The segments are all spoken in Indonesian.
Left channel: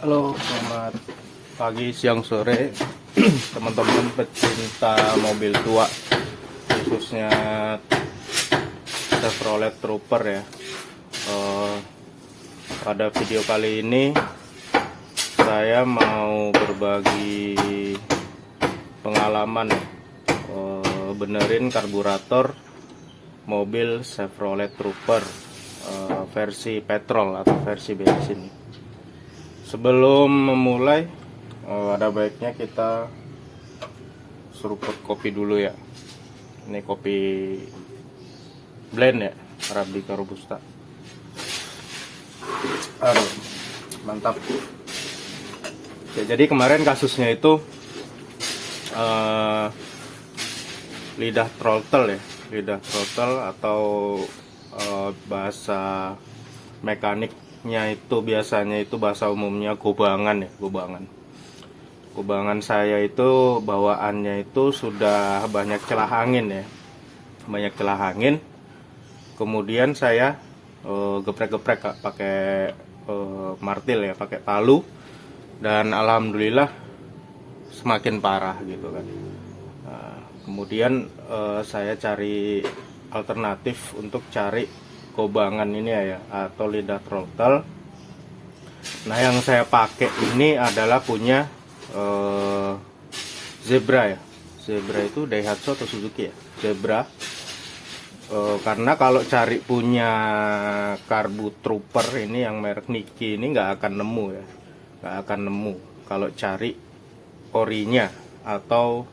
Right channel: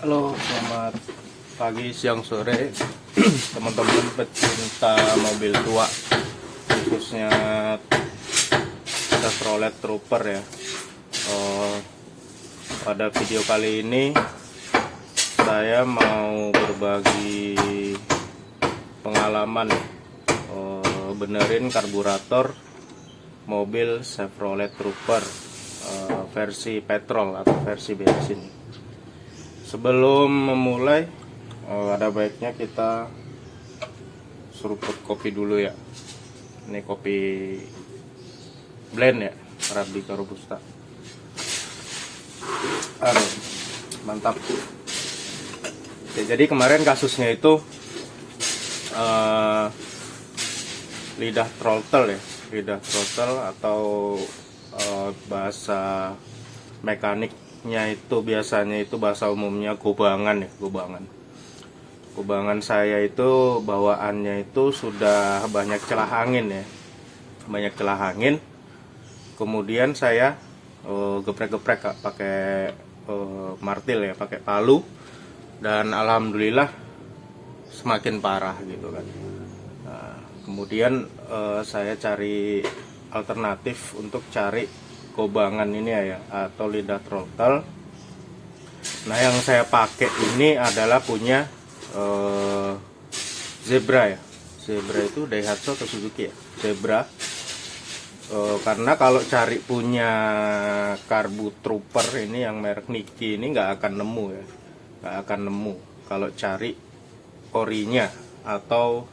Halo, selamat pagi, siang, sore, teman-teman pecinta mobil tua, khususnya Chevrolet Trooper ya. Pada video kali ini saya mau berbagi pengalaman benerin karburator mobil Chevrolet Trooper versi petrol atau versi bensin. Sebelum memulai, ada baiknya kita seruput kopi dulu ya. Ini kopi blend ya, Arabica Robusta. Aduh, mantap. Oke, jadi kemarin kasusnya itu lidah throttle ya, lidah throttle atau bahasa mekaniknya itu biasanya itu bahasa umumnya gobangan ya, gobangan saya itu bawaannya itu sudah banyak celah angin ya, kemudian saya geprek-geprek pakai martil ya, pakai palu, dan alhamdulillah semakin parah gitu kan. Nah, kemudian saya cari alternatif untuk cari gobangan ini ya, atau lidah throttle. Nah, yang saya pakai ini adalah punya Zebra ya. Zebra itu Daihatsu atau Suzuki ya? Zebra. Karena kalau cari punya Karbu Trooper ini yang merek Niki ini nggak akan nemu ya, nggak akan nemu kalau cari orinya atau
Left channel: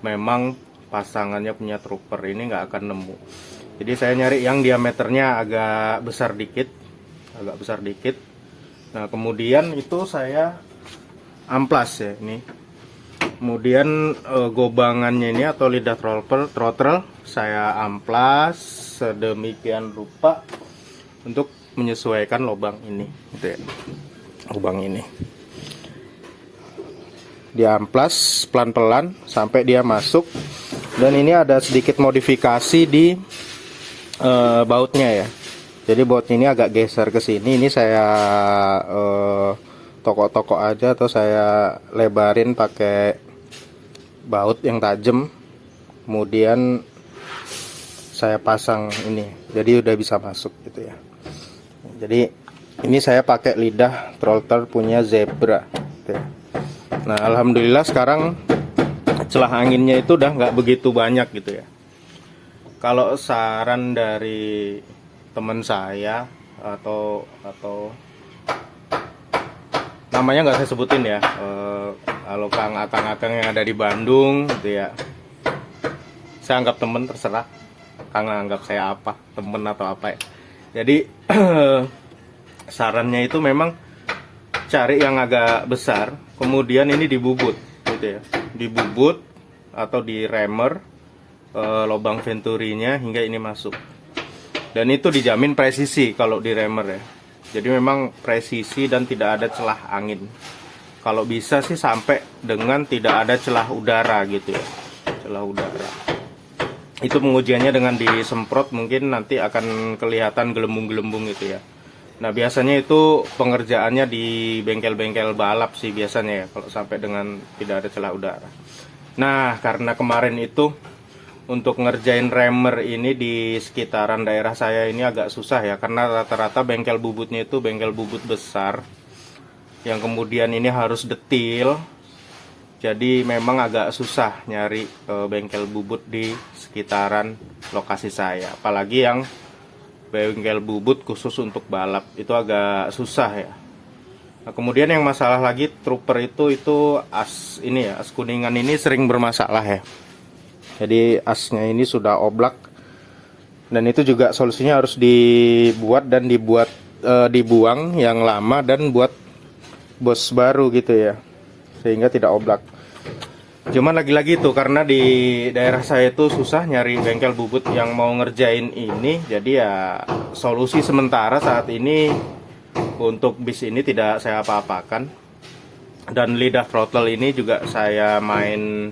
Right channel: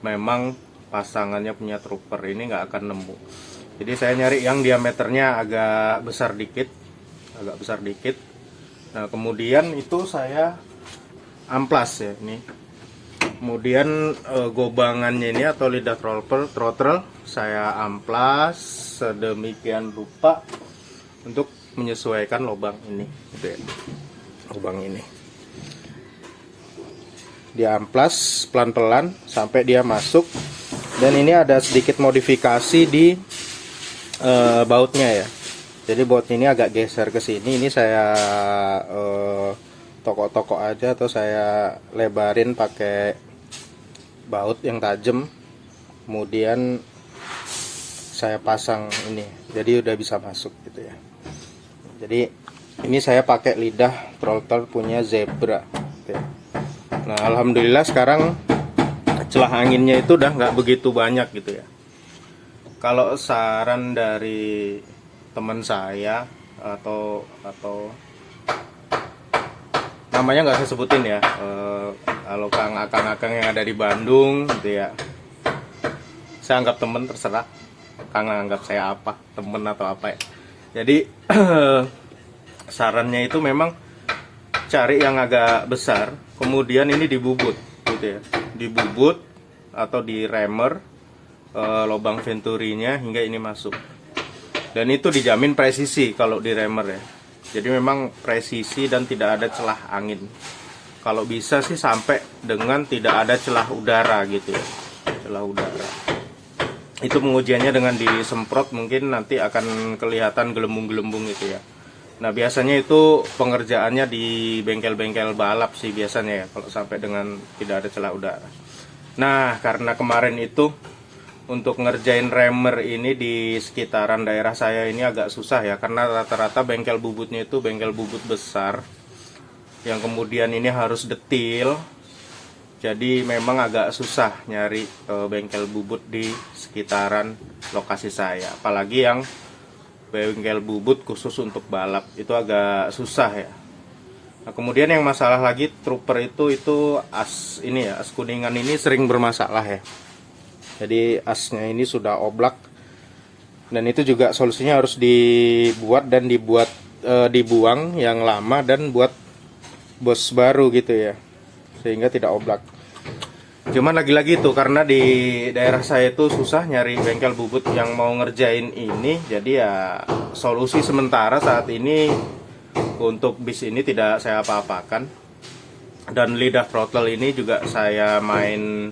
memang pasangannya punya Trooper ini nggak akan nemu. Jadi saya nyari yang diameternya agak besar dikit. Nah, kemudian itu saya amplas ya ini. Kemudian gobangannya ini atau lidah throttle saya amplas sedemikian rupa untuk menyesuaikan lubang ini, gitu ya. Lubang ini diamplas pelan-pelan sampai dia masuk. Dan ini ada sedikit modifikasi di bautnya ya. Jadi baut ini agak geser ke sini. Ini saya tokok-tokok aja atau saya lebarin pakai baut yang tajam. Kemudian saya pasang ini. Jadi udah bisa masuk gitu ya. Jadi ini saya pakai lidah throttle punya Zebra. Gitu ya. Nah, alhamdulillah sekarang celah anginnya itu udah nggak begitu banyak gitu ya. Kalau saran dari teman saya atau namanya nggak saya sebutin ya, kalau akang yang ada di Bandung gitu ya, saya anggap temen, terserah Kang anggap saya apa, temen atau apa ya. Jadi sarannya itu memang cari yang agak besar, kemudian ini dibubut gitu ya, dibubut atau di remer lubang venturinya hingga ini masuk. Dan itu dijamin presisi kalau di remer ya. Jadi memang presisi dan tidak ada celah angin. Kalau bisa sih sampai dengan tidak ada celah udara gitu ya. Celah udara. Itu pengujiannya dengan disemprot, mungkin nanti akan kelihatan gelembung-gelembung gitu ya. Nah, biasanya itu pengerjaannya di bengkel-bengkel balap sih biasanya ya, kalau sampai dengan tidak ada celah udara. Nah, karena kemarin itu untuk ngerjain remer ini di sekitaran daerah saya ini agak susah ya, karena rata-rata bengkel bubutnya itu bengkel bubut besar yang kemudian ini harus detil. Jadi memang agak susah nyari bengkel bubut di sekitaran lokasi saya, apalagi yang bengkel bubut khusus untuk balap itu agak susah ya. Nah, kemudian yang masalah lagi Trooper itu as ini ya, as kuningan ini sering bermasalah ya. Jadi asnya ini sudah oblak, dan itu juga solusinya harus dibuang yang lama dan buat bos baru gitu ya, sehingga tidak oblak. Cuman lagi-lagi tuh karena di daerah saya itu susah nyari bengkel bubut yang mau ngerjain ini, jadi ya solusi sementara saat ini untuk bis ini tidak saya apa-apakan. Dan lidah throttle ini juga saya main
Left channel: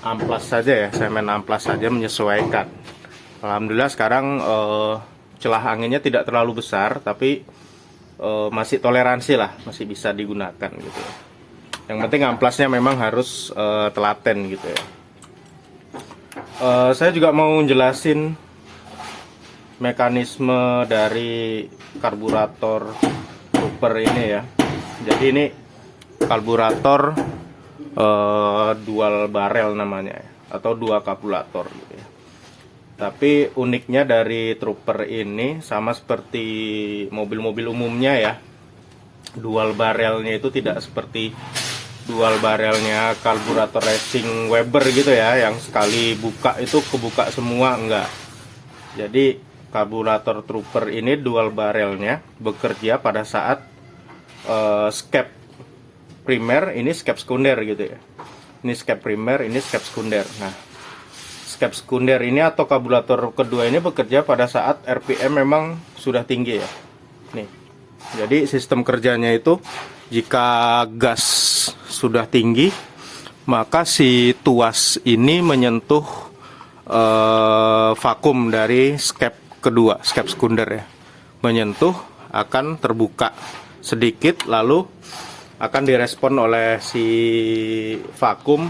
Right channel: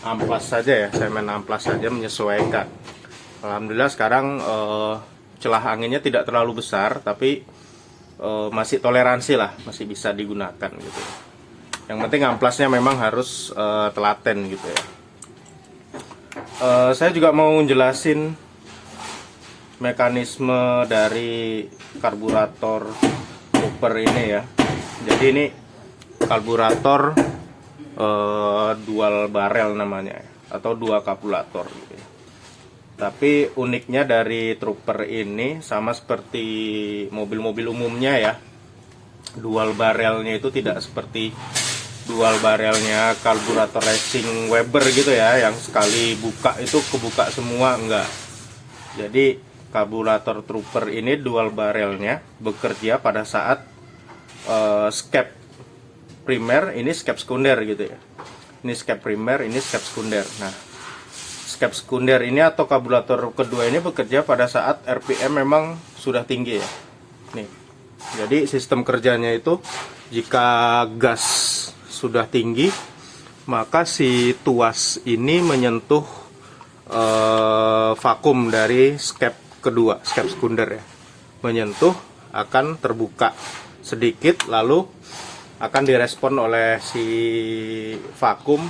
amplas saja ya, menyesuaikan. Alhamdulillah sekarang celah anginnya tidak terlalu besar, tapi masih toleransi lah, masih bisa digunakan gitu ya. Yang penting amplasnya memang harus telaten gitu ya. Saya juga mau jelasin mekanisme dari karburator trooper ini ya. Jadi ini karburator dual barrel namanya, atau dua karburator gitu ya. Tapi uniknya dari trooper ini sama seperti mobil-mobil umumnya ya, dual barrelnya itu tidak seperti dual barrelnya karburator racing Weber gitu ya, yang sekali buka itu kebuka semua, enggak. Jadi karburator trooper ini dual barrelnya bekerja pada saat skep primer, ini skep sekunder gitu ya. Ini skep primer, ini skep sekunder. Nah, skep sekunder ini atau karburator kedua ini bekerja pada saat RPM memang sudah tinggi ya. Nih. Jadi sistem kerjanya itu jika gas sudah tinggi, maka si tuas ini menyentuh vakum dari skep kedua, skep sekunder ya. Menyentuh, akan terbuka sedikit, lalu akan direspon oleh si vakum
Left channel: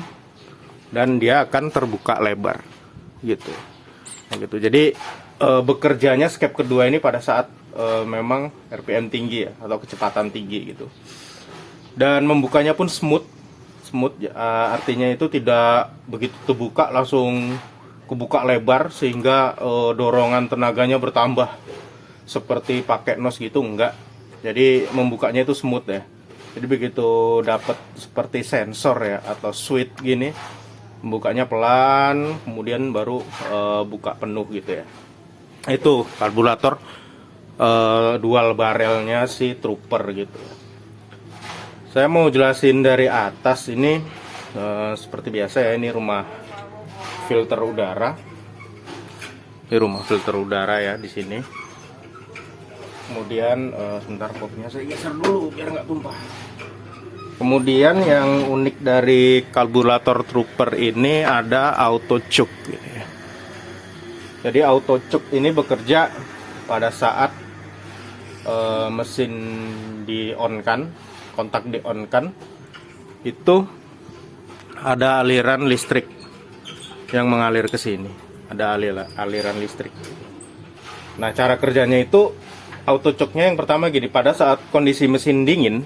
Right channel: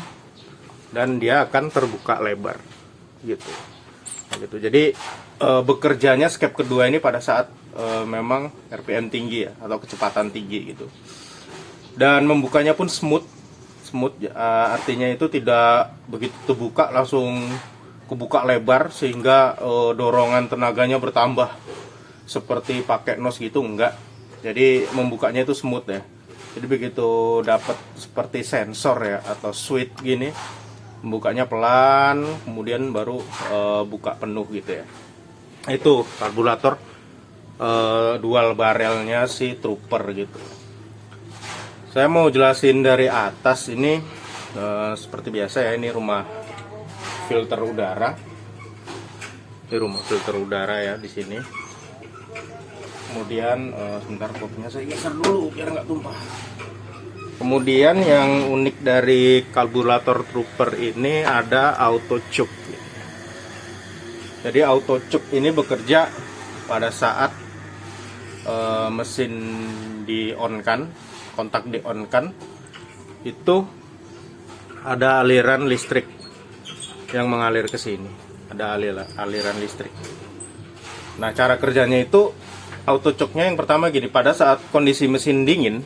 dan dia akan terbuka lebar gitu. Gitu. Jadi bekerjanya skep kedua ini pada saat memang RPM tinggi ya, atau kecepatan tinggi gitu. Dan membukanya pun smooth, artinya itu tidak begitu terbuka langsung kebuka lebar sehingga dorongan tenaganya bertambah seperti pakai nos gitu, enggak. Jadi membukanya itu smooth ya. Jadi begitu dapat seperti sensor ya atau switch gini, membukanya pelan, kemudian baru buka penuh gitu ya. Itu karburator dual barrelnya si trooper gitu. Saya mau jelasin dari atas ini, seperti biasa ya, ini rumah filter udara. Ini rumah filter udara ya di sini. Kemudian sebentar, kopnya saya geser dulu biar nggak tumpah. Kemudian yang unik dari karburator trooper ini ada auto choke. Jadi auto choke ini bekerja pada saat mesin di on kan, kontak di on kan, itu ada aliran listrik yang mengalir ke sini, ada aliran listrik. Nah, cara kerjanya itu auto choke-nya yang pertama gini, pada saat kondisi mesin dingin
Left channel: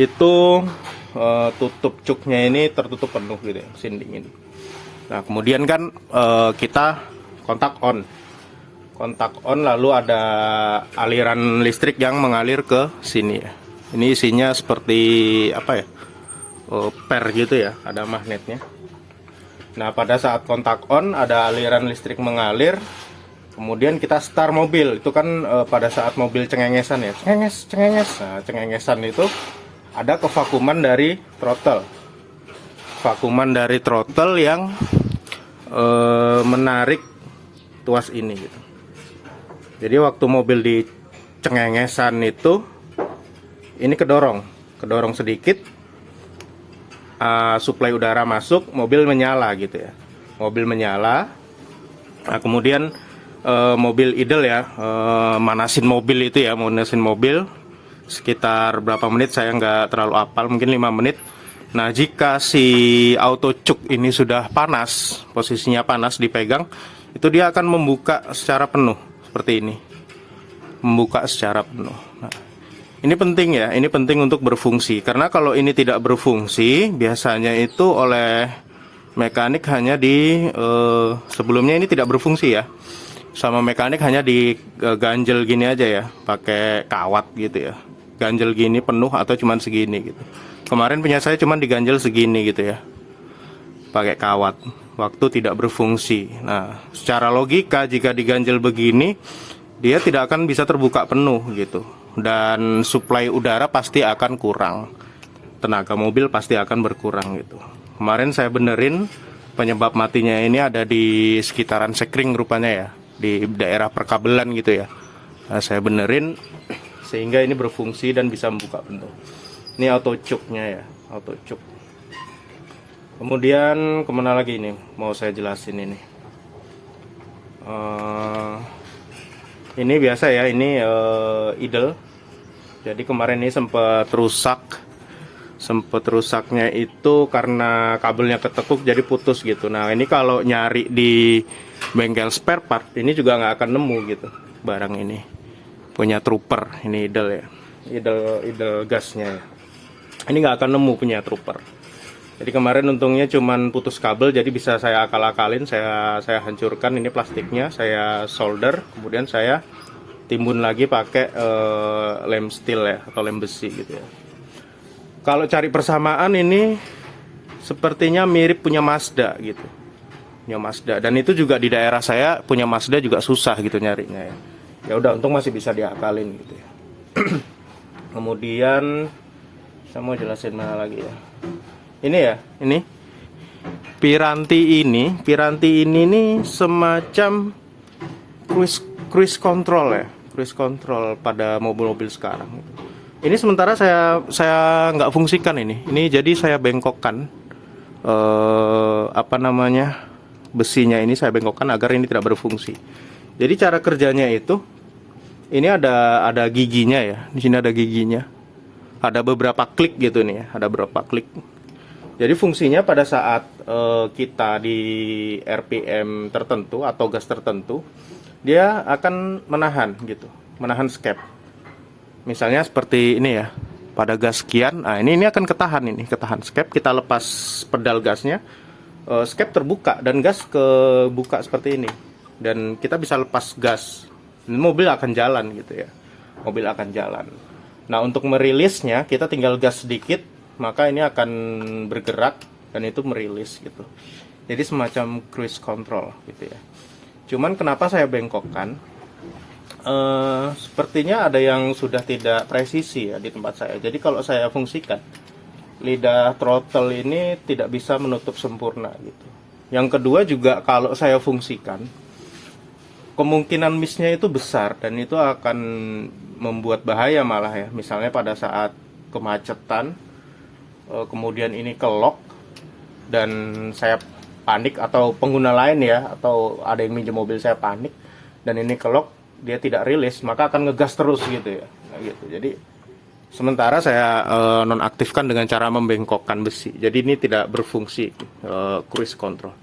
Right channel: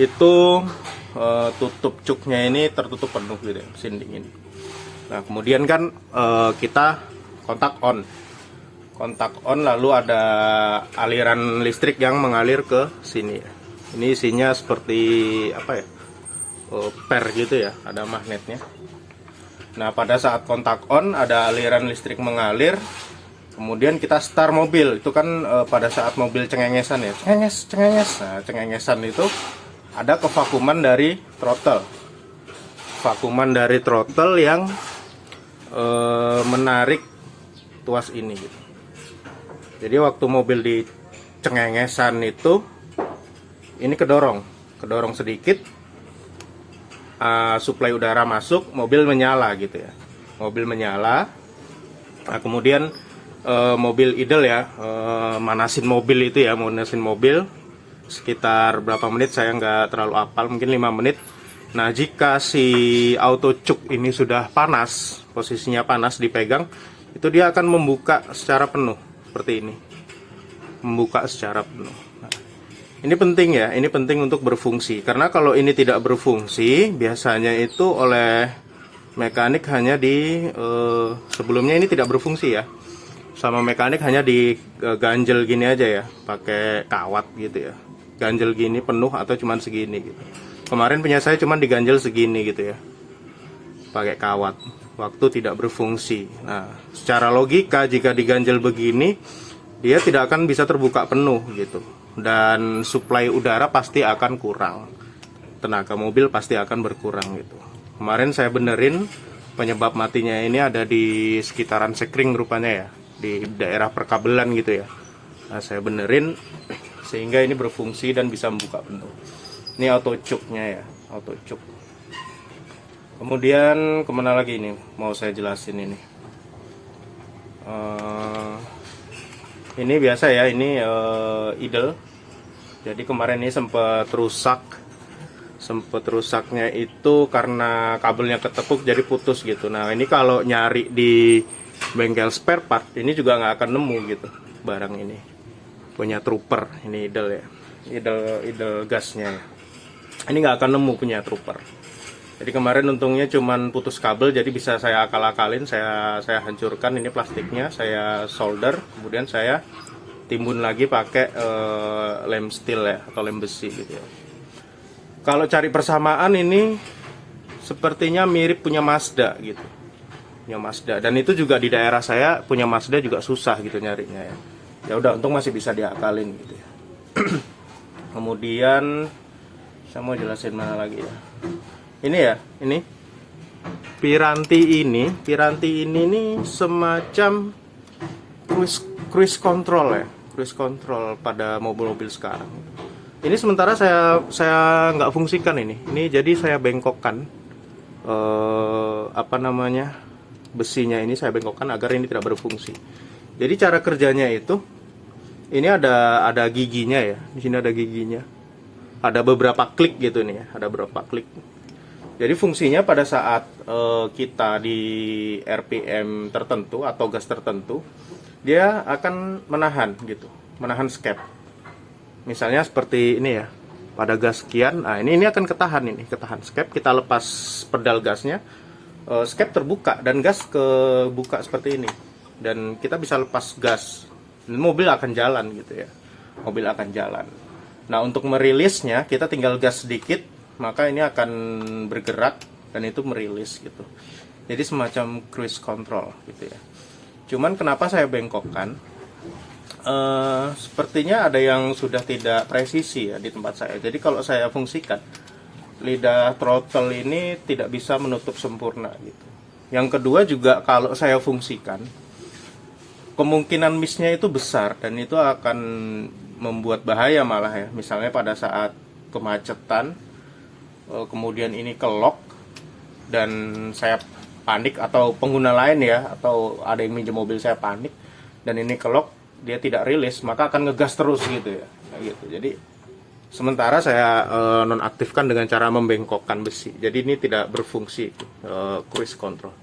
itu tutup choke-nya ini tertutup penuh gitu ya, mesin dingin. Nah, kemudian kan kita kontak on, lalu ada aliran listrik yang mengalir ke sini ya. Ini isinya seperti apa ya, per gitu ya, ada magnetnya. Nah, pada saat kontak on ada aliran listrik mengalir, kemudian kita start mobil. Itu kan pada saat mobil cengengesan ya, cengenges. Nah, cengengesan itu ada kevakuman dari throttle, vakuman dari throttle yang menarik tuas ini gitu. Jadi waktu mobil di cengengesan itu ini kedorong sedikit, suplai udara masuk, mobil menyala gitu ya, mobil menyala. Nah, kemudian mobil idle ya, manasin mobil itu ya, manasin mobil sekitar berapa menit saya nggak terlalu hafal, mungkin 5 menit. Nah, jika si auto choke ini sudah panas, posisinya panas dipegang, itu dia akan membuka secara penuh seperti ini, membuka secara penuh. Nah, ini penting ya, ini penting untuk berfungsi, karena kalau ini tidak berfungsi biasanya itu oleh mekanik hanya di sebelumnya ini tidak berfungsi ya, sama mekanik hanya diganjel gini aja ya, pakai kawat gitu ya, ganjel gini penuh atau cuman segini gitu. Kemarin punya saya cuman diganjel segini gitu ya, pakai kawat, waktu tidak berfungsi. Nah, secara logika jika diganjel begini dia tidak akan bisa terbuka penuh gitu, dan suplai udara pasti akan kurang, tenaga mobil pasti akan berkurang gitu. Kemarin saya benerin, penyebab matinya ini ada di sekitaran sekring rupanya ya, di daerah perkabelan gitu ya. Nah, saya benerin sehingga ini berfungsi dan bisa membuka penuh. Ini auto choke-nya ya, auto choke. Kemudian kemana lagi ini mau saya jelasin ini. Ini biasa ya, ini idle. Jadi kemarin ini sempat rusak. Sempat rusaknya itu karena kabelnya ketekuk jadi putus gitu. Nah ini kalau nyari di bengkel spare part ini juga nggak akan nemu gitu barang ini. Punya Trooper, ini idle ya, idle gasnya ya. Ini nggak akan nemu punya Trooper. Jadi kemarin untungnya cuman putus kabel, jadi bisa saya akal-akalin, saya hancurkan ini plastiknya, saya solder, kemudian saya timbun lagi pakai lem steel ya, atau lem besi gitu ya. Kalau cari persamaan ini sepertinya mirip punya Mazda gitu, punya Mazda, dan itu juga di daerah saya punya Mazda juga susah gitu nyarinya ya. Ya udah, untung masih bisa diakalin gitu ya. Kemudian saya mau jelasin mana lagi ya. Ini ya, ini Piranti ini nih semacam cruise control ya, cruise control pada mobil-mobil sekarang. Ini sementara saya nggak fungsikan ini jadi saya bengkokkan besinya ini saya bengkokkan agar ini tidak berfungsi. Jadi cara kerjanya itu, ini ada giginya ya, di sini ada giginya, ada beberapa klik gitu nih ya, ada beberapa klik. Jadi fungsinya pada saat kita di RPM tertentu atau gas tertentu, dia akan menahan gitu, menahan skep. Misalnya seperti ini ya, pada gas sekian, nah ini akan ketahan skep. Kita lepas pedal gasnya, skep terbuka dan gas kebuka seperti ini, dan kita bisa lepas gas, mobil akan jalan gitu ya, mobil akan jalan. Nah untuk merilisnya kita tinggal gas sedikit, maka ini akan bergerak dan itu merilis gitu. Jadi semacam cruise control gitu ya. Cuman kenapa saya bengkokkan? Sepertinya ada yang sudah tidak presisi ya di tempat saya. Jadi kalau saya fungsikan, lidah throttle ini tidak bisa menutup sempurna gitu. Yang kedua juga kalau saya fungsikan, kemungkinan miss-nya itu besar dan itu akan membuat bahaya malah ya. Misalnya pada saat kemacetan, kemudian ini kelok dan saya panik, atau pengguna lain ya, atau ada yang minjem mobil saya panik dan ini kelok, dia tidak rilis, maka akan ngegas terus gitu ya. Nah, gitu. Jadi sementara saya nonaktifkan dengan cara membengkokkan besi. Jadi ini tidak berfungsi cruise control.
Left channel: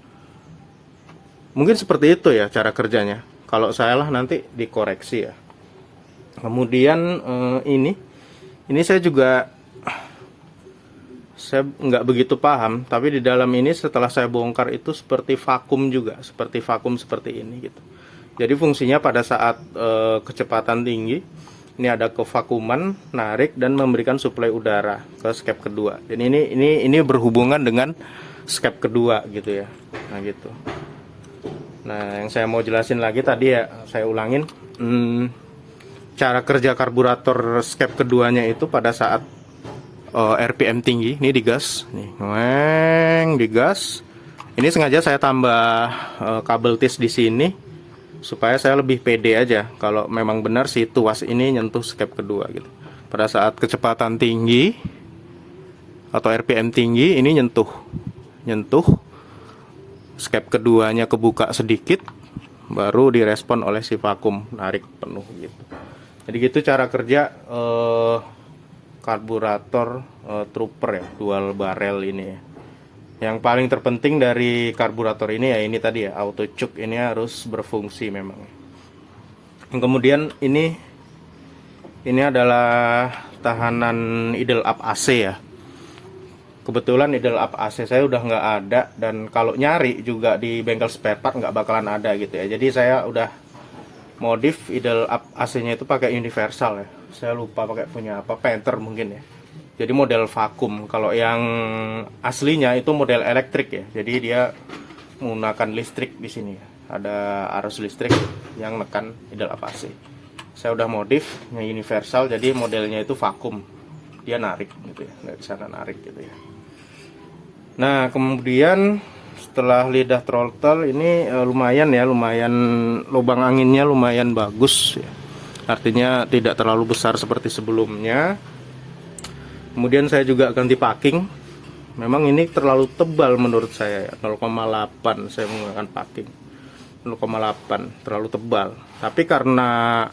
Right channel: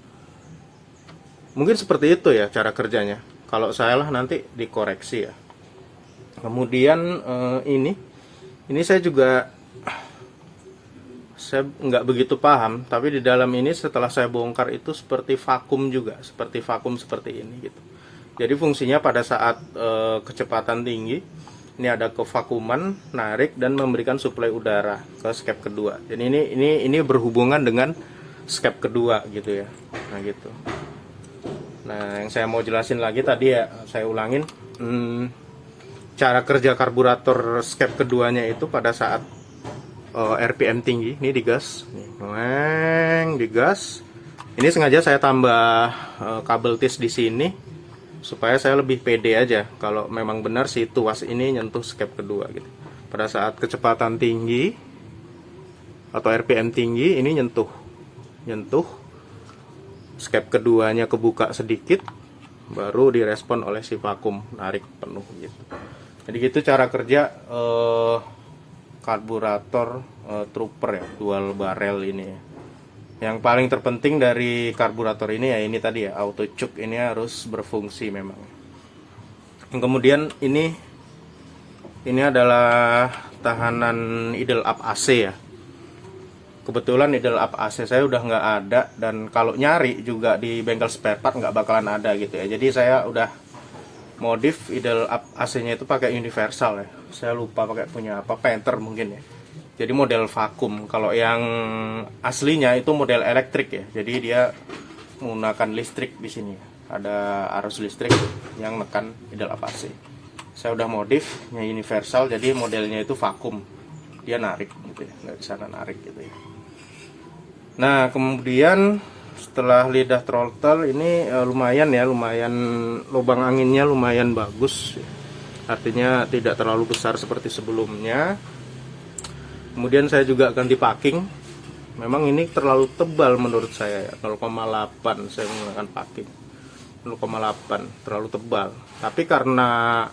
Mungkin seperti itu ya cara kerjanya. Kalau salah nanti dikoreksi ya. Kemudian ini saya juga nggak begitu paham, tapi di dalam ini setelah saya bongkar itu seperti vakum juga, seperti vakum seperti ini gitu. Jadi fungsinya pada saat kecepatan tinggi, ini ada kevakuman, narik dan memberikan suplai udara ke skep kedua. Jadi ini berhubungan dengan skep kedua gitu ya. Nah gitu. Nah yang saya mau jelasin lagi tadi ya, saya ulangin, cara kerja karburator skep keduanya itu pada saat RPM tinggi, ini digas, nih, digas. Ini sengaja saya tambah kabel tis di sini supaya saya lebih pede aja kalau memang benar si tuas ini nyentuh skep kedua gitu. Pada saat kecepatan tinggi atau RPM tinggi, ini nyentuh skep keduanya kebuka sedikit, baru direspon oleh si vakum narik penuh gitu. Jadi gitu cara kerja karburator Trooper ya, dual barrel ini ya. Yang paling terpenting dari karburator ini ya ini tadi ya, auto choke ini harus berfungsi memang. Yang kemudian ini adalah tahanan idle up AC ya. Kebetulan idle up AC saya udah nggak ada, dan kalau nyari juga di bengkel spare part nggak bakalan ada gitu ya. Jadi saya udah modif idle up AC-nya itu pakai universal ya. Saya lupa pakai punya apa, Panther mungkin ya. Jadi model vakum. Kalau yang aslinya itu model elektrik ya. Jadi dia menggunakan listrik di sini. Ada arus listrik yang menekan idle up AC. Saya udah modif yang universal, jadi modelnya itu vakum. Dia narik gitu ya, nggak bisa narik gitu ya. Nah kemudian setelah lidah throttle ini lumayan lubang anginnya lumayan bagus ya. Artinya tidak terlalu besar seperti sebelumnya. Kemudian saya juga ganti packing. Memang ini terlalu tebal menurut saya, 0,8 saya menggunakan packing. 0,8, terlalu tebal. Tapi karena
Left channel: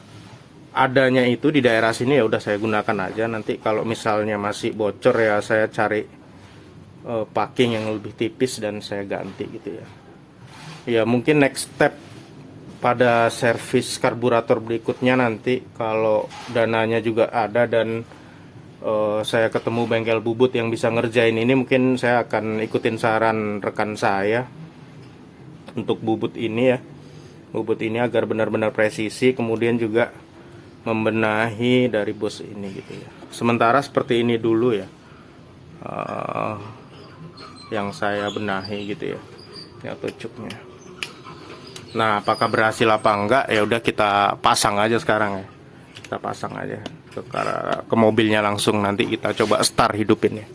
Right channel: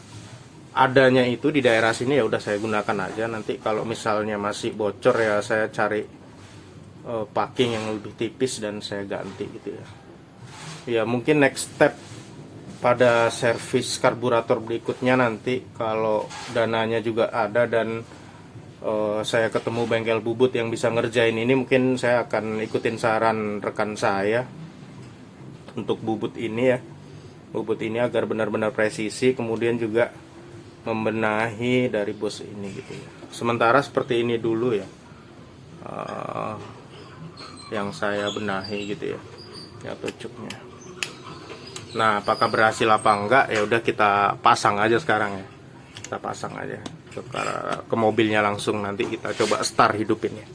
adanya itu di daerah sini ya udah saya gunakan aja. Nanti kalau misalnya masih bocor ya saya cari packing yang lebih tipis dan saya ganti gitu ya. Ya mungkin next step pada servis karburator berikutnya nanti kalau dananya juga ada dan saya ketemu bengkel bubut yang bisa ngerjain ini, mungkin saya akan ikutin saran rekan saya untuk bubut ini ya. Bubut ini agar benar-benar presisi, kemudian juga membenahi dari bos ini gitu ya. Sementara seperti ini dulu ya, yang saya benahi gitu ya pucuknya. Nah, apakah berhasil apa enggak ya udah kita pasang aja sekarang ya. Kita pasang aja ke mobilnya langsung, nanti kita coba start hidupin ya.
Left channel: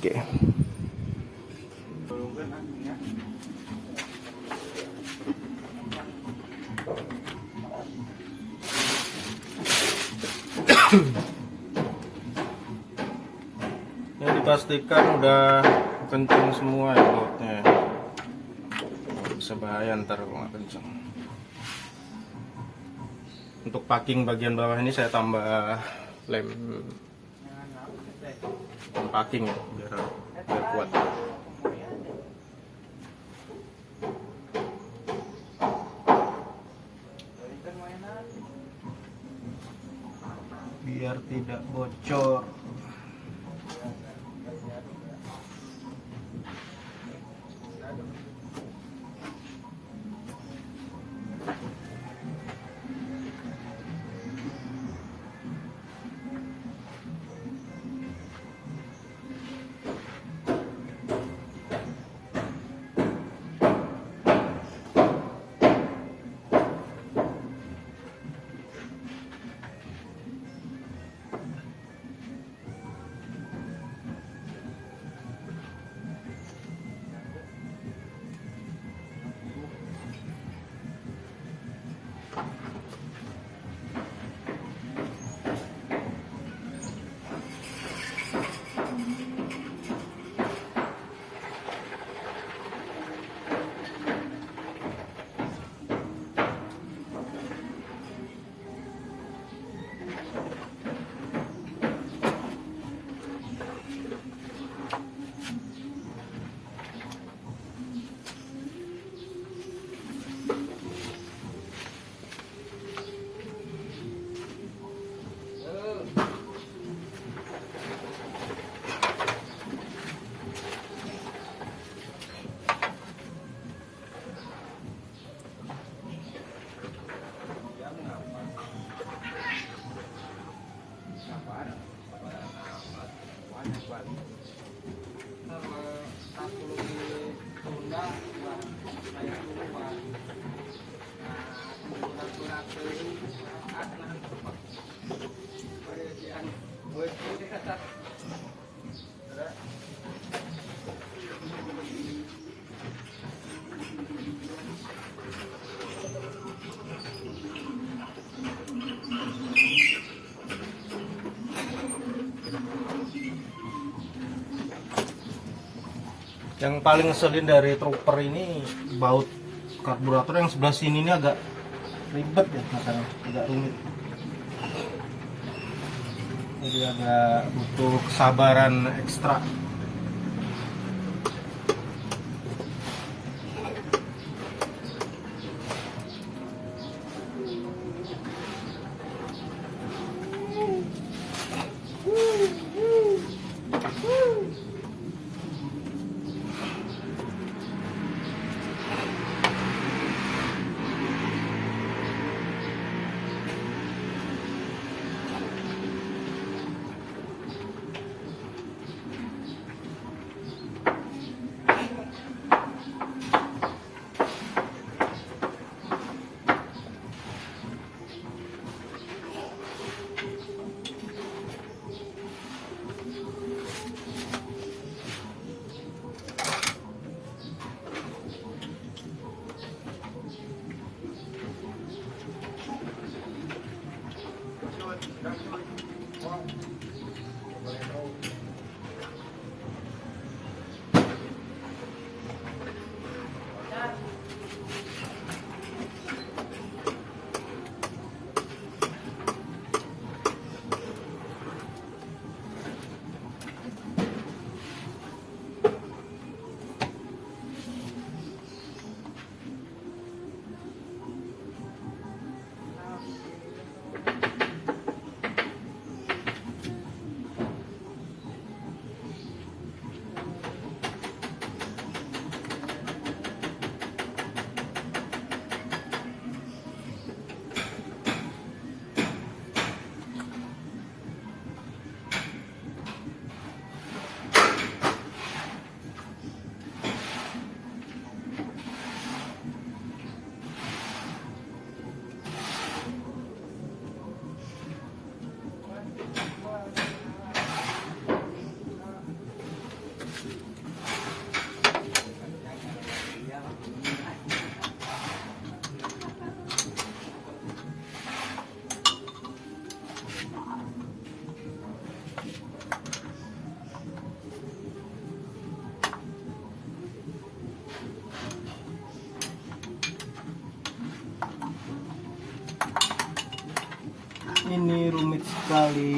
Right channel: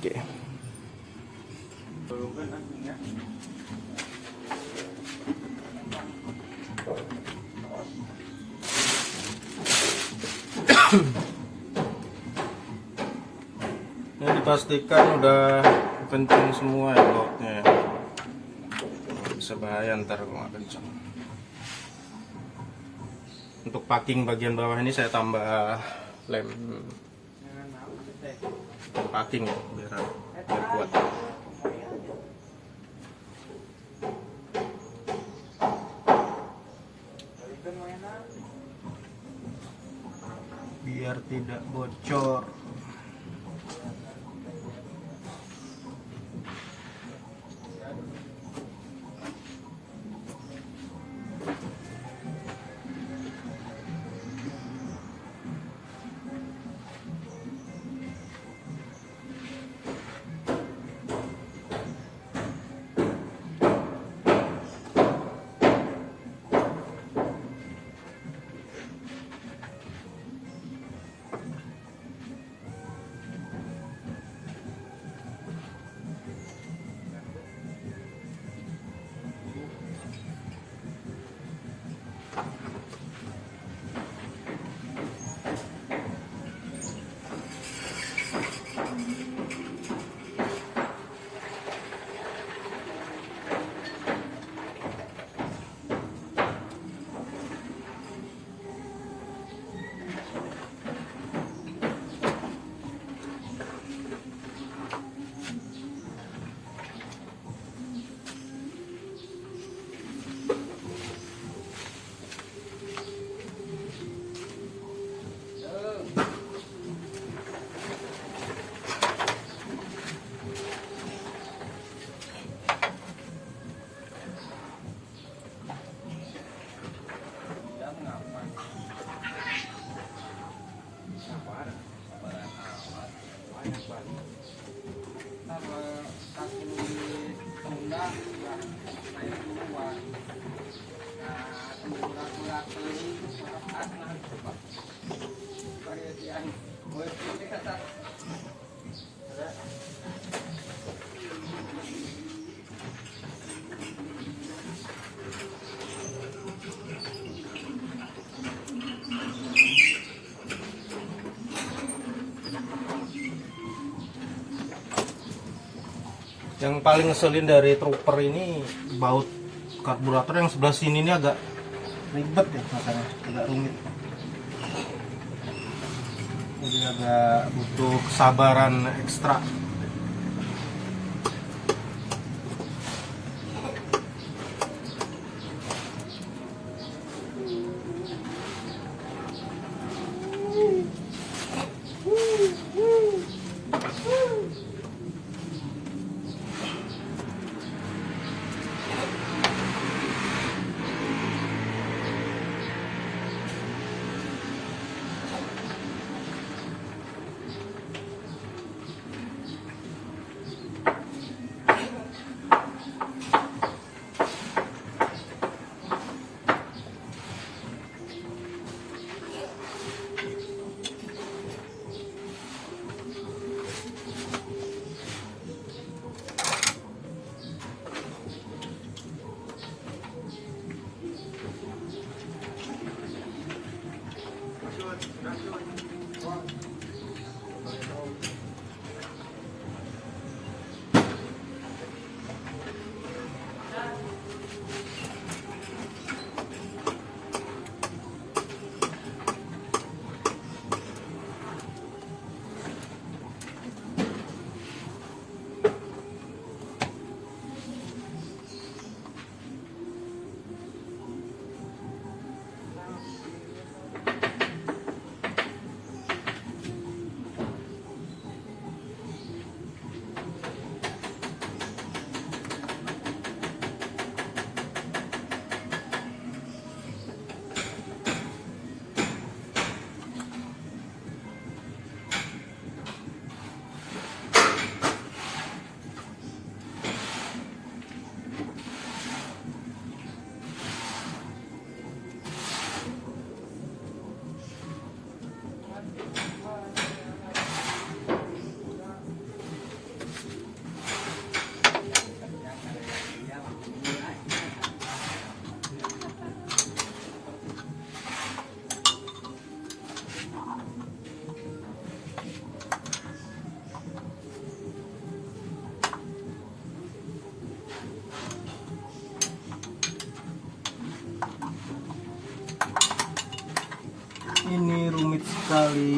Oke. Ini dipastikan udah kenceng semua ya bautnya ya. Bisa bahaya ntar kalau nggak kenceng. Untuk packing bagian bawah ini saya tambah lem packing ya, biar kuat. Biar tidak bocor. Yang paling ngeselin dari trooper ini baut karburator yang sebelah sini ini agak ribet ya, makanya agak rumit. Jadi agak butuh kesabaran ekstra. Ini rumit sekali.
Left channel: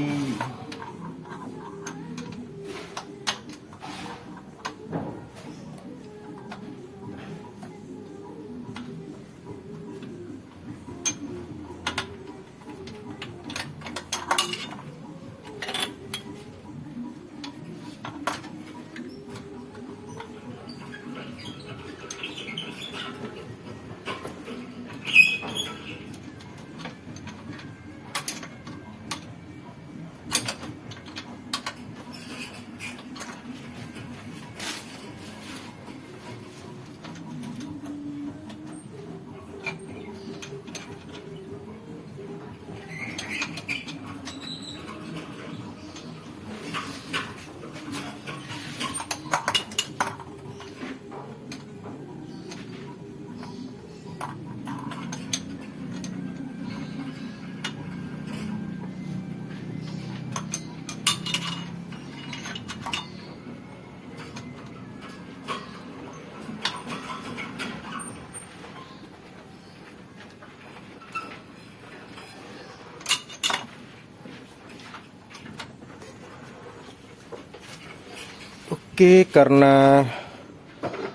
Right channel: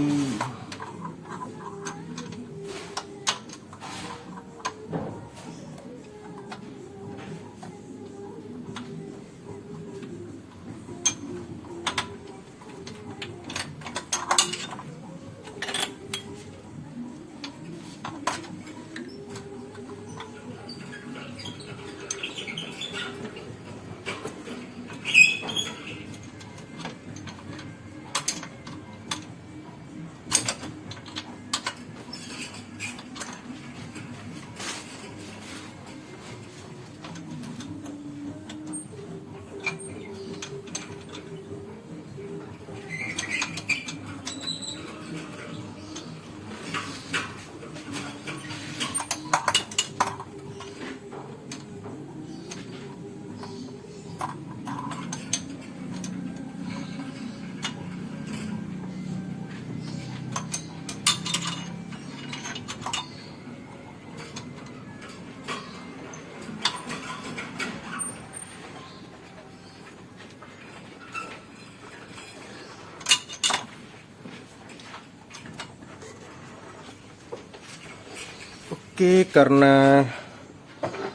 Oke, karena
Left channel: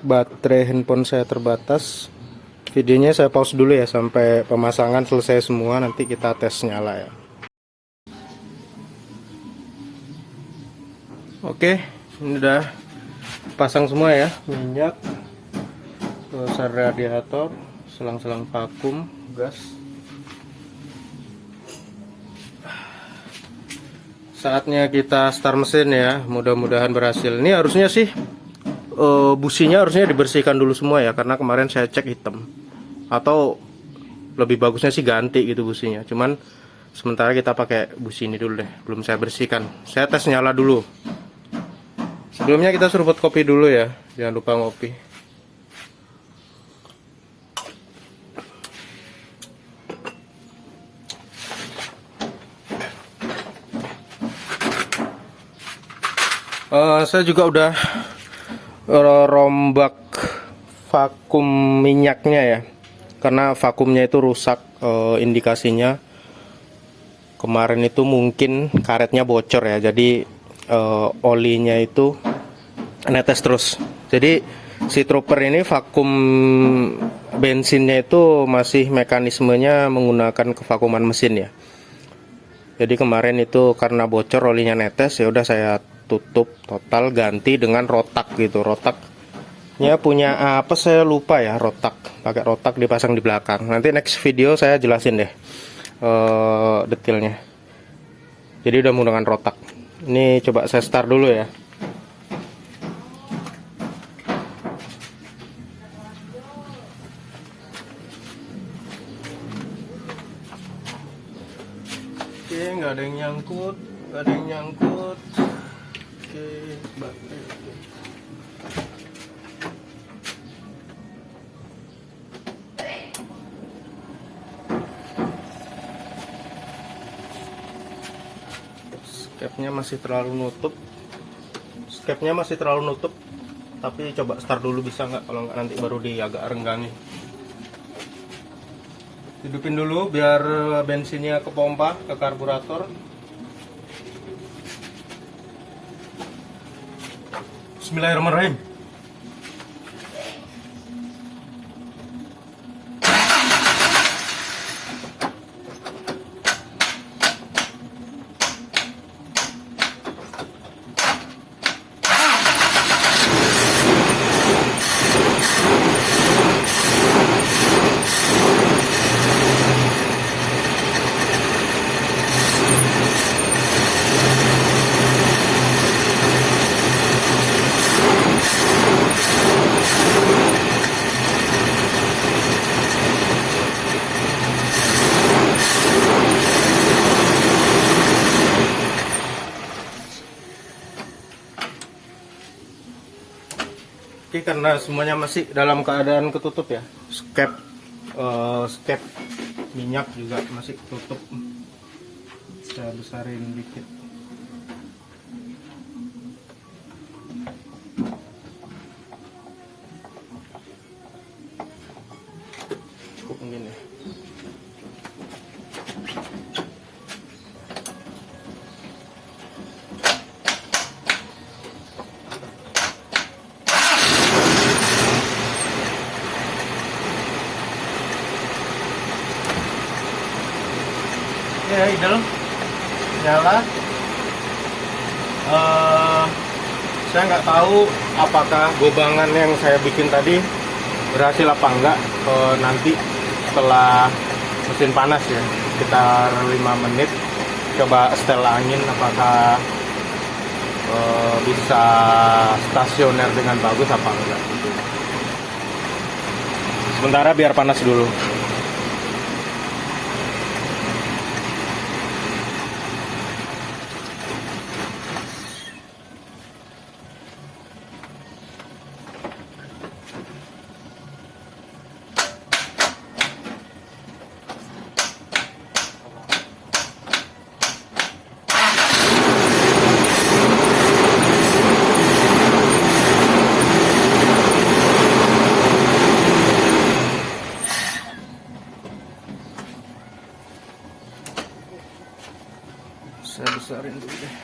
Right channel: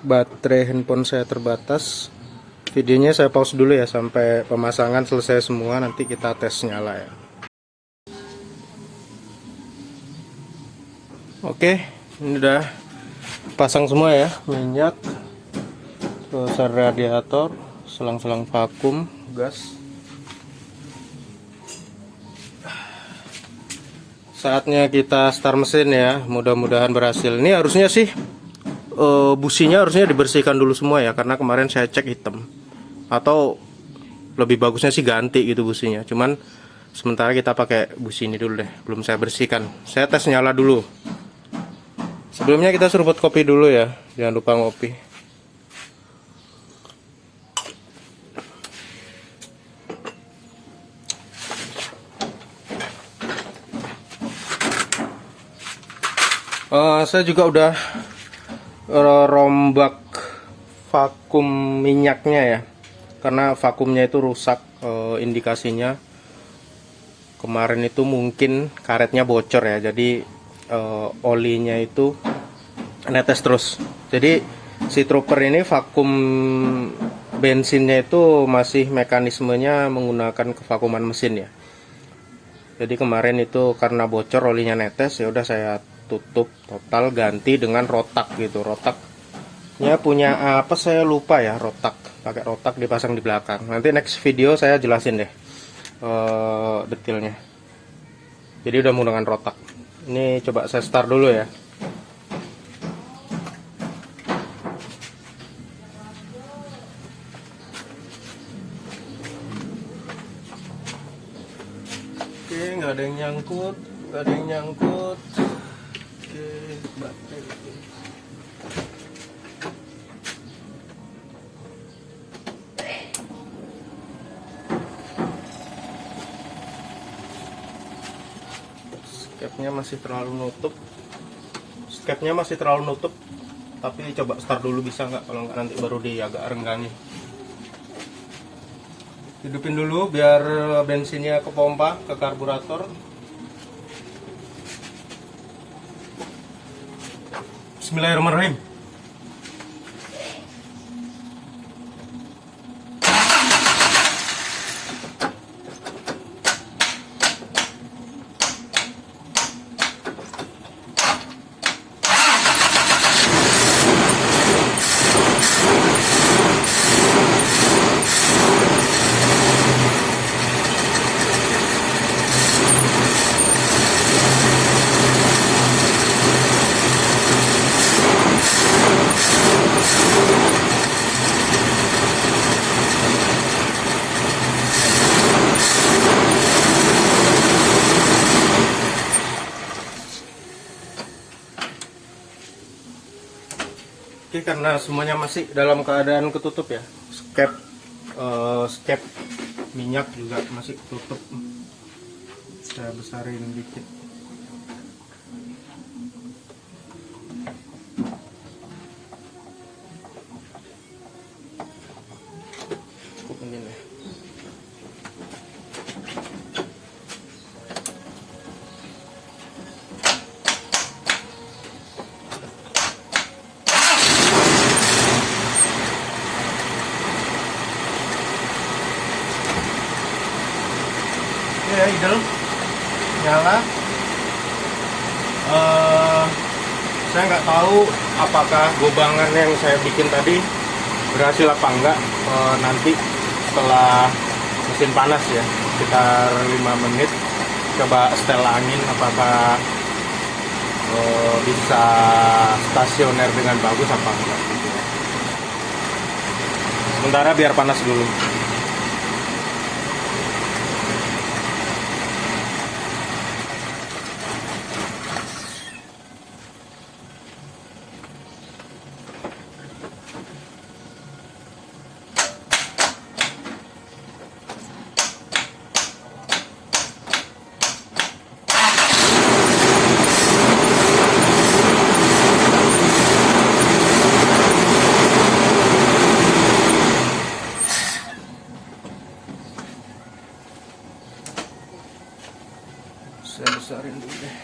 baterai handphone saya terbatas, videonya saya pause dulu ya sampai pemasangan selesai semua, nanti kita tes nyala ya. Oke, ini udah pasang semua ya, minyak, terus radiator, selang-selang vakum, gas. Saatnya kita start mesin ya, mudah-mudahan berhasil. Ini harusnya sih businya harusnya dibersihkan dulu semua ya, karena kemarin saya cek hitam. Atau lebih bagusnya sih ganti gitu businya. Cuman sementara kita pakai busi ini dulu deh, belum saya bersihkan. Saya tes nyala dulu. Sebelumnya kita seruput kopi dulu ya, jangan lupa ngopi. Saya juga udah rombak vakum minyaknya ya, karena vakumnya itu rusak. Indikasinya kemarin itu mungkin karetnya bocor ya, jadi olinya itu netes terus. Jadi si trooper ini vakum bensinnya itu masih mekanismenya menggunakan kevakuman mesin ya. Jadi kemarin itu karena bocor olinya netes, ya udah saya tutup total, ganti dengan rotak gitu. Rotaknya punya apa saya lupa ya, rotak, pakai rotak dipasang di belakang. Nanti next video saya jelasin deh detailnya. Jadi udah menggunakan rotak. Ini coba saya start dulu ya. Oke, nggak ada yang nyangkut, baterai. Skepnya masih terlalu nutup, tapi coba start dulu bisa nggak, kalau nggak nanti baru di agak renggangi. Hidupin dulu biar bensinnya ke pompa, ke karburator. Bismillahirrahmanirrahim. Oke, karena semuanya masih dalam keadaan ketutup ya, skep minyak juga masih tutup. Saya besarin dikit. Cukup mungkin ya. Ya, idle nyala. Saya nggak tahu apakah gobangan yang saya bikin tadi berhasil apa enggak nanti setelah mesin panas ya, sekitar 5 menit coba setel angin apakah bisa stasioner dengan bagus apa enggak gitu. Sementara biar panas dulu. Saya besarin dulu deh.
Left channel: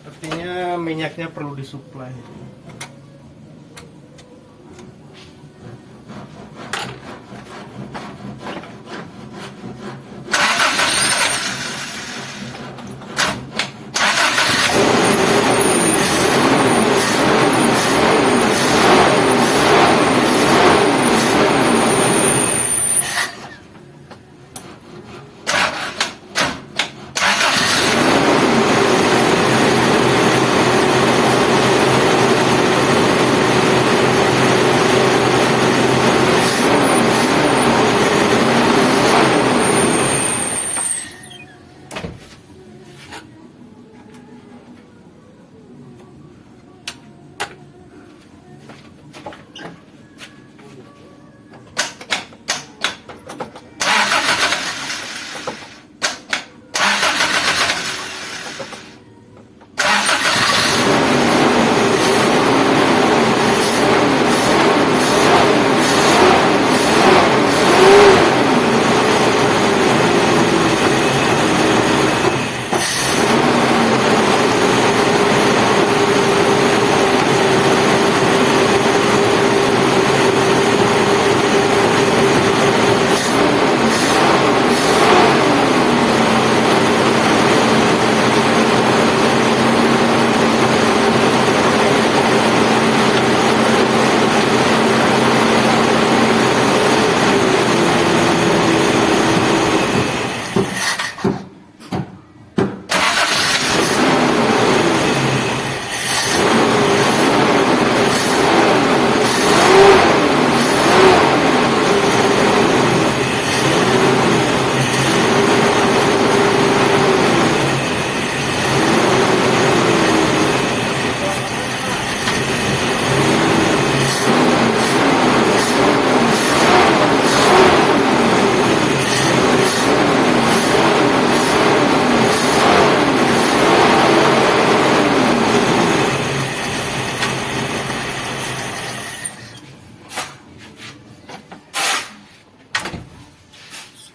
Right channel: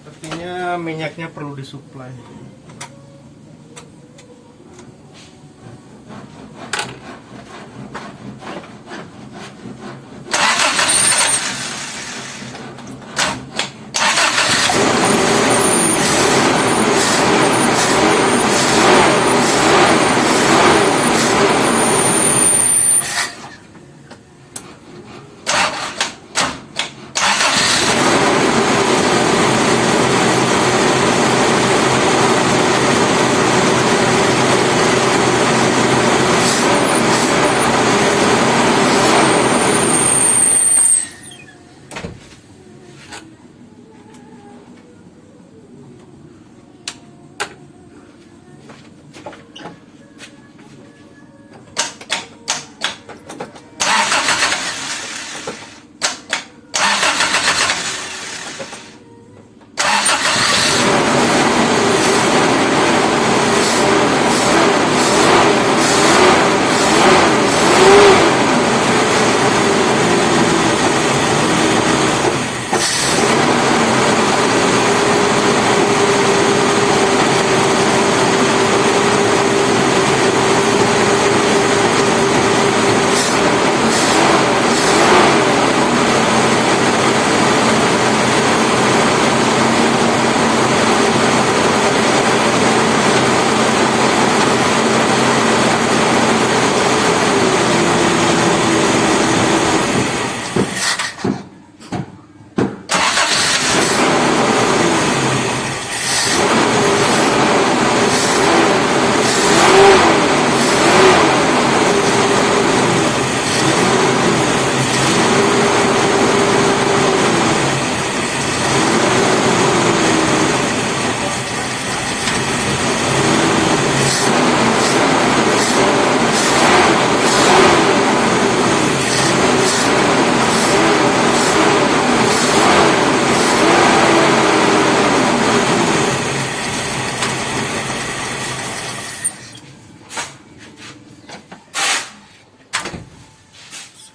Sepertinya minyaknya perlu disuplai.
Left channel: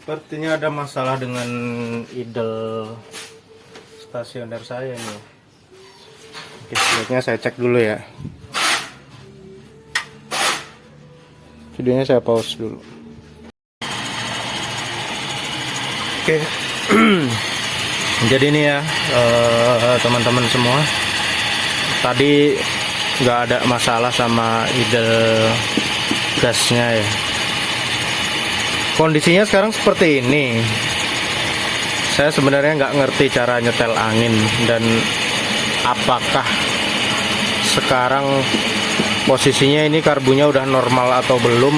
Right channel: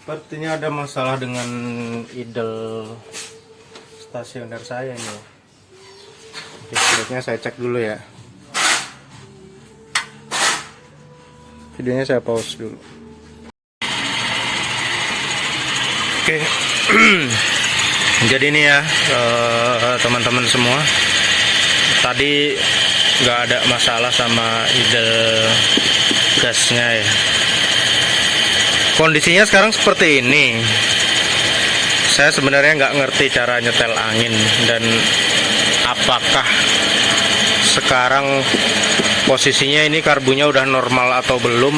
Sepertinya ada masalah dengan idle stasioner saya ini. Oke, sebaiknya saya cek dulu ya. Videonya saya pause dulu. Oke. Jadi ini ya teman-teman semua. Tadi nggak ada masalah sama idle gasnya ya. Kondisinya sekarang seperti ini. Saya sebenarnya nggak ngerti cara nyetel angin dan apakah sekarang posisinya ini karbunya udah normal atau belum.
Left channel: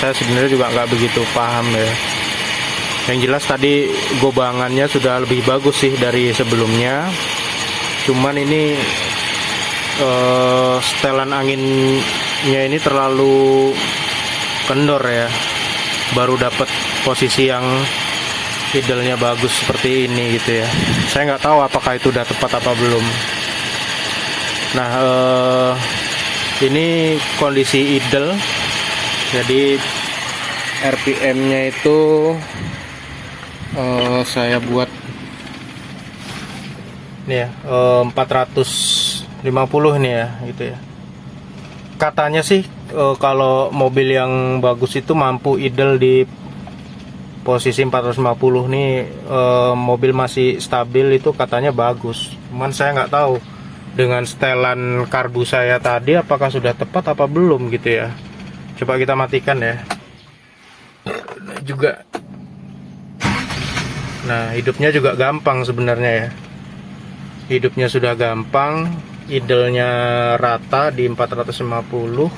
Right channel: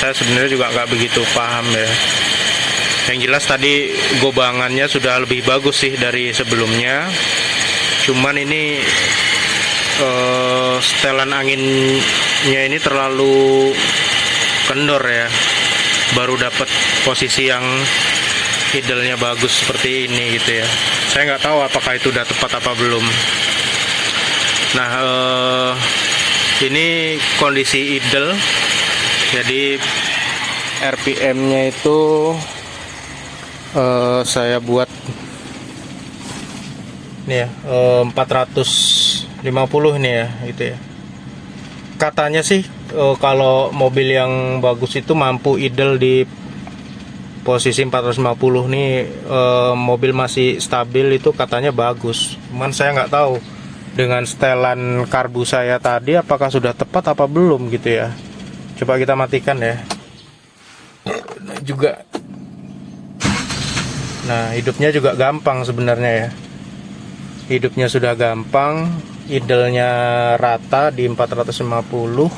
Saya sebenarnya juga nggak begitu paham ya. Yang jelas tadi gobangannya sudah lebih bagus sih dari sebelumnya. Cuman ini setelan anginnya ini terlalu kendor ya. Baru dapat posisi yang idle-nya bagus seperti ini gitu ya. Saya nggak tahu apakah itu udah tepat apa belum. Nah, ini kondisi idle. Jadi RPM-nya itu saya buat ini ya, 450 nih ya, gitu ya. Katanya sih kalau mobil yang bagus itu mampu idle di posisi 450 nih, mobil masih stabil itu katanya bagus. Cuman saya nggak tahu dengan setelan karbu saya tadi apakah sudah tepat apa belum gitu ya. Coba kita matikan ya. Nah, juga. Nah, hidupnya juga gampang sebenarnya ya. Hidupnya sudah gampang, idle-nya rata di 450.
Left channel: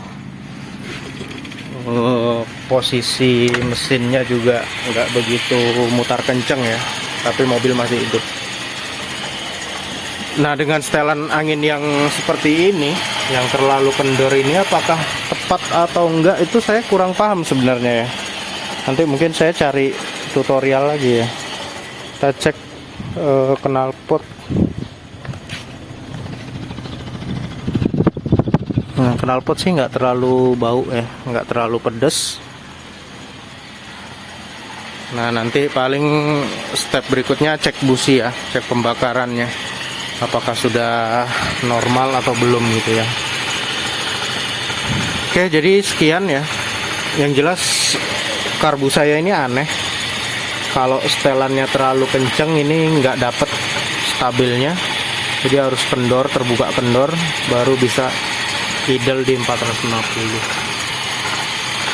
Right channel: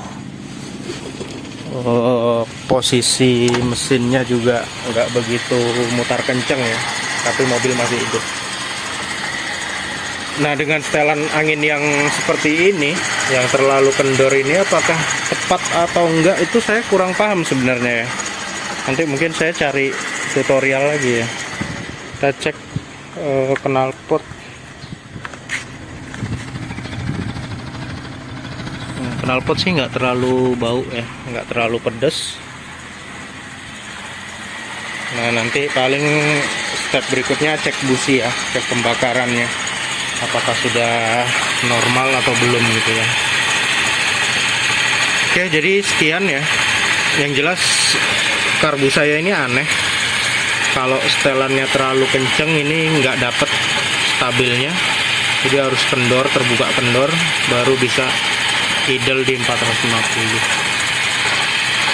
Posisi mesinnya juga nggak begitu mutar kenceng ya, tapi mobil masih hidup. Nah, dengan setelan angin yang seperti ini, yang terlalu kendor ini, apakah tepat atau enggak itu saya kurang paham sebenarnya ya. Nanti mungkin saya cari tutorial lagi ya. Kita cek knalpot. Nah, knalpot sih nggak terlalu bau ya, nggak terlalu pedes. Nah, nanti paling step berikutnya cek busi ya, cek pembakarannya, apakah sudah normal atau belum gitu ya. Oke, jadi sekian ya. Yang jelas karbu saya ini aneh. Kalau setelannya terlalu kenceng ini nggak dapet stabilnya, jadi harus kendor, terbuka kendor, baru bisa idle di 450.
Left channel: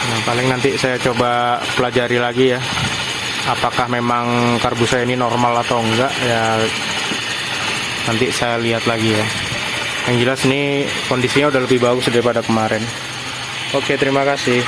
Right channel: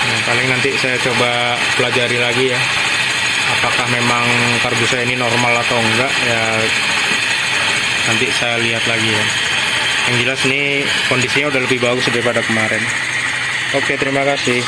Nah, paling nanti saya coba pelajari lagi ya, apakah memang karbu saya ini normal atau enggak ya, nanti saya lihat lagi ya. Yang jelas ini kondisinya udah lebih bagus daripada kemarin. Oke, terima kasih.